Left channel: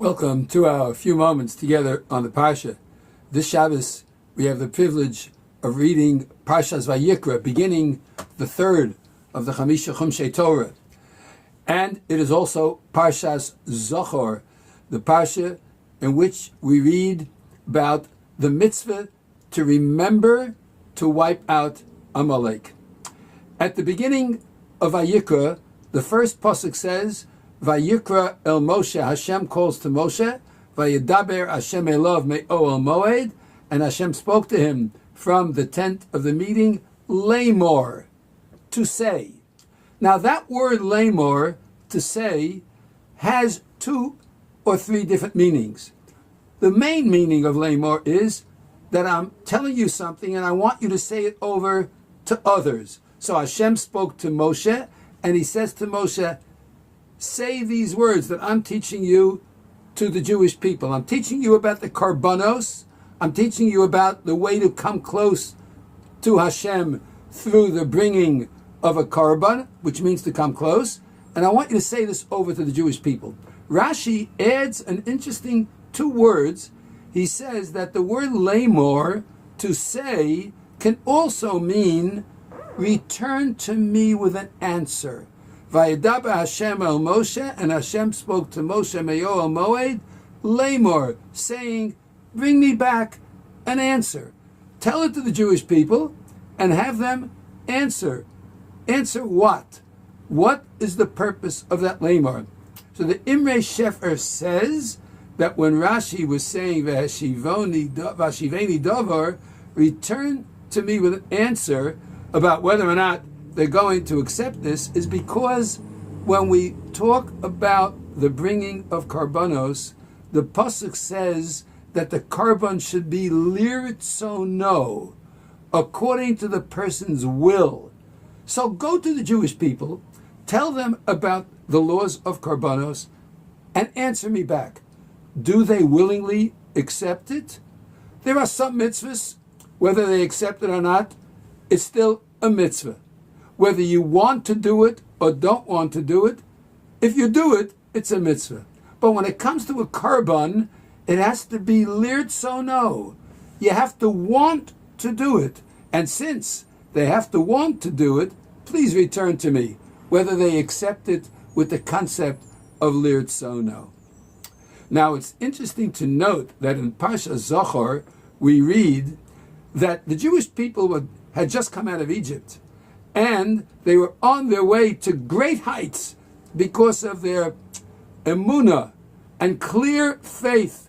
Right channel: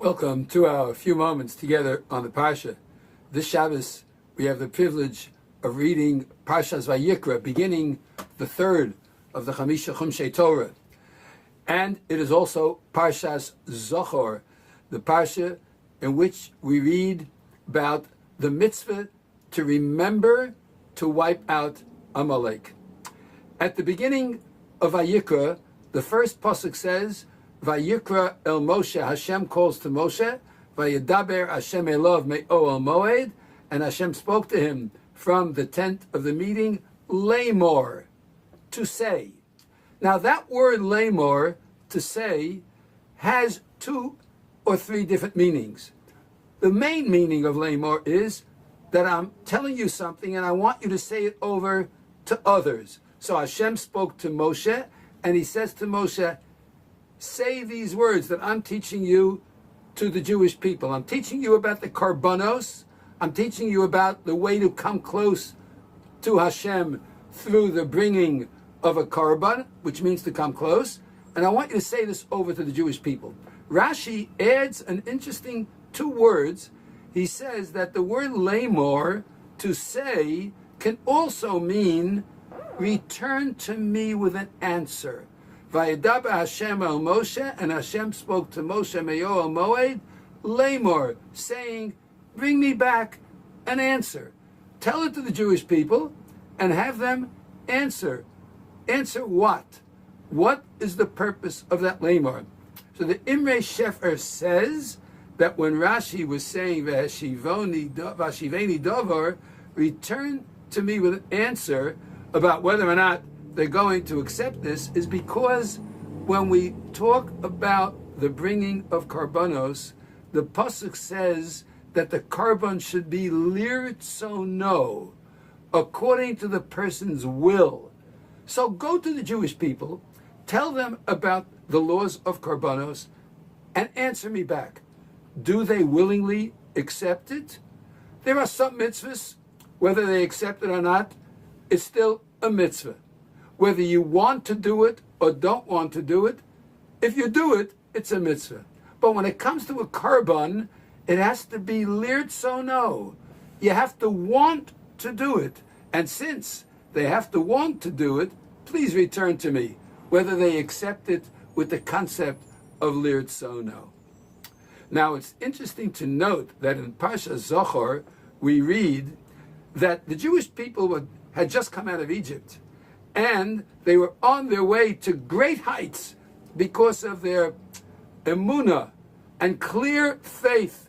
Welcome to our few moments together on the Parsha. This Shabbos, we have the privilege of reading Parshas Vayikra, beginning the third of the Chamisha Chumshei Torah. And it is also Parshas Zachor, the Parsha in which we read about the mitzvah to remember to wipe out Amalek. At the beginning of Vayikra, the first pasuk says, Vayikra el Moshe, Hashem calls to Moshe, Vayedaber Hashem elov me'oel moed, and Hashem spoke to him from the tent of the meeting, Lamor, to say. Now that word Lamor, to say, has two or three different meanings. The main meaning of Lamor is that I'm telling you something and I want you to say it over to others. So Hashem spoke to Moshe, and he says to Moshe, say these words that I'm teaching you to the Jewish people. I'm teaching you about the karbanos. I'm teaching you about the way to come close to Hashem through the bringing of a karban, which means to come close. And I want you to say this over to the Jewish people. Rashi adds an interesting two words. He says that the word lamor, to say, can also mean return to me with an answer. Vayedaber Hashem el Moshe, and Hashem spoke to Moshe me'oel moed, lamor, saying, bring me back an answer. Tell it to the Jewish people and have them answer. Answer what? What is the purpose of that lamor? So the Imre Shefer says that when Rashi was saying Vashiveni Dovar, return to me with an answer about whether or not they're going to accept this, is because when we talk about the bringing of karbanos, the pasuk says that the karban should be liritzono, according to the person's will. So go to the Jewish people, tell them about the laws of karbanos, and answer me back. Do they willingly accept it? There are some mitzvahs, whether they accept it or not, it's still a mitzvah. Whether you want to do it or don't want to do it, if you do it, it's a mitzvah. But when it comes to a karban, it has to be liritzono. You have to want to do it. And since they have to want to do it, please return to me, whether they accept it with the concept of liritzono. Now, it's interesting to note that in Parshas Zachor, we read that the Jewish people had just come out of Egypt, and they were on their way to great heights because of their emunah and clear faith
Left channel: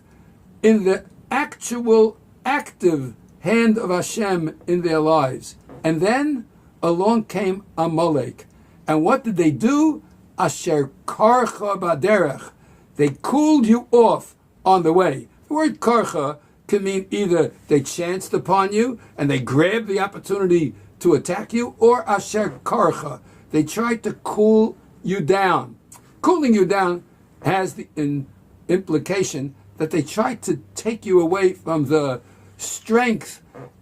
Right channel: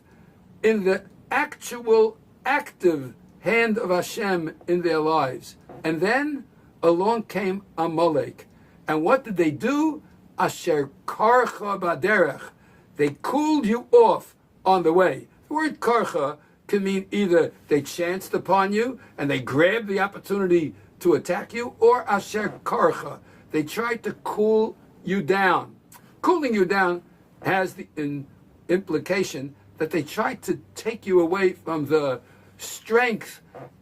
in the actual, active hand of Hashem in their lives. And then along came Amalek. And what did they do? Asher karcha baderech. They cooled you off on the way. The word karcha can mean either they chanced upon you and they grabbed the opportunity to attack you, or asher karcha. They tried to cool you down. Cooling you down has the implication that they tried to take you away from the strength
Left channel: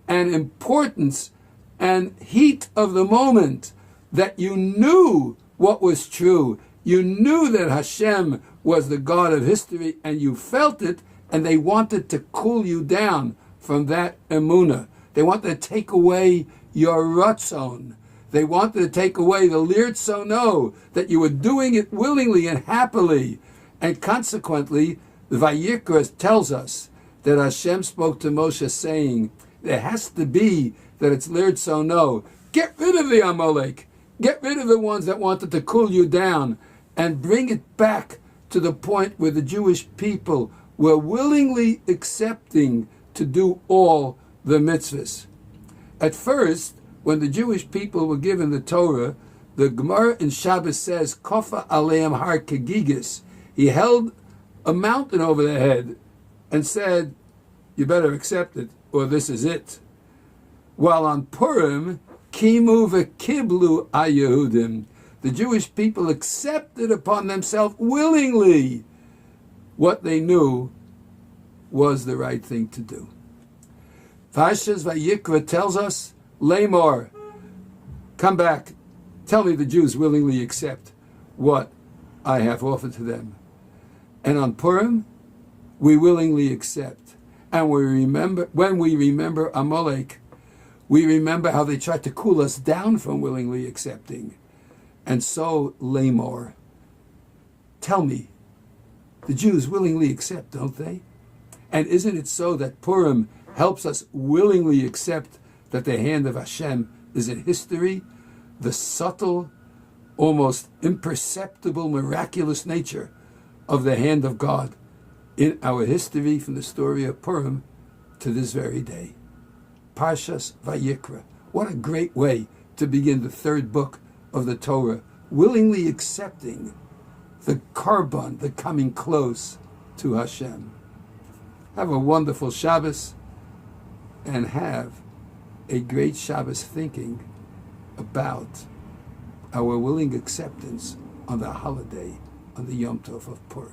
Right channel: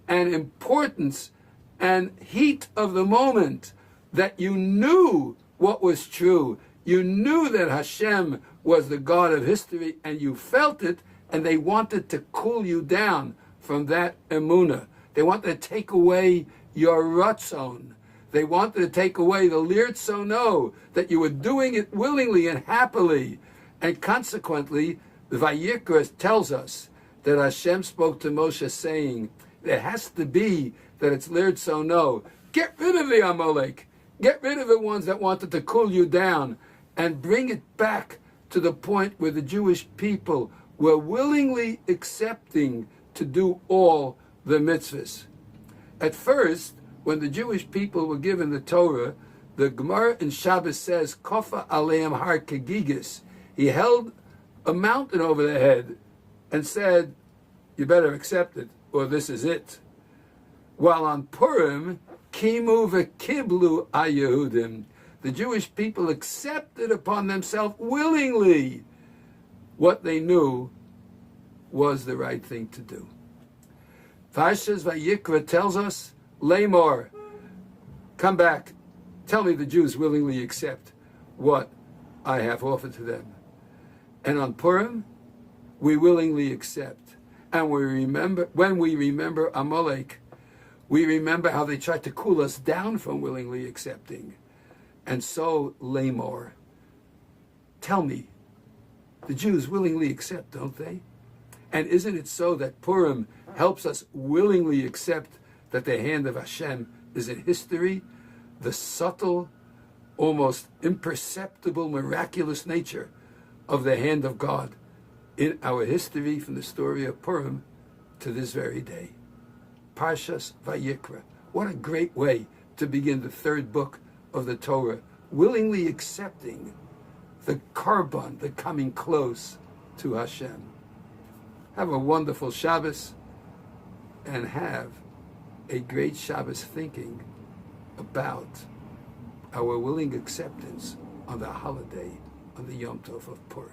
and importance and heat of the moment, that you knew what was true. You knew that Hashem was the God of history, and you felt it, and they wanted to cool you down from that emunah. They wanted to take away your ratzon. They wanted to take away the liritzono, that you were doing it willingly and happily. And consequently, the Vayikra tells us that Hashem spoke to Moshe saying, there has to be that it's liritzono. Get rid of the Amalek. Get rid of the ones that wanted to cool you down, and bring it back to the point where the Jewish people were willingly accepting to do all the mitzvahs. At first, when the Jewish people were given the Torah, the Gemara in Shabbos says, Kofa aleim har kegigis. He held a mountain over their head and said, you better accept it, or this is it. While on Purim, Kimu v'kiblu aYehudim, the Jewish people accepted upon themselves willingly what they knew was the right thing to do. Parshas Vayikra tells us, Lamor, come back, tell me the Jews willingly accept what I have offered to them. And on Purim, we willingly accept. And when we remember Amalek, we remember how they tried to cool us down from willingly accepting. And so, Lamor, tell me, the Jews willingly accept, don't they? And isn't it so that Purim helps us willingly accept that the hand of Hashem is in history, the subtle, almost imperceptible, miraculous nature of the hand of God in our history from the story of Purim to this very day. Parshas Vayikra. What a great way to begin the third book of the Torah, willingly accepting the korban, the coming close to Hashem. Have a wonderful Shabbos, and have a great Shabbos thinking about our willing acceptance on the holiday, on the Yom Tov of Purim.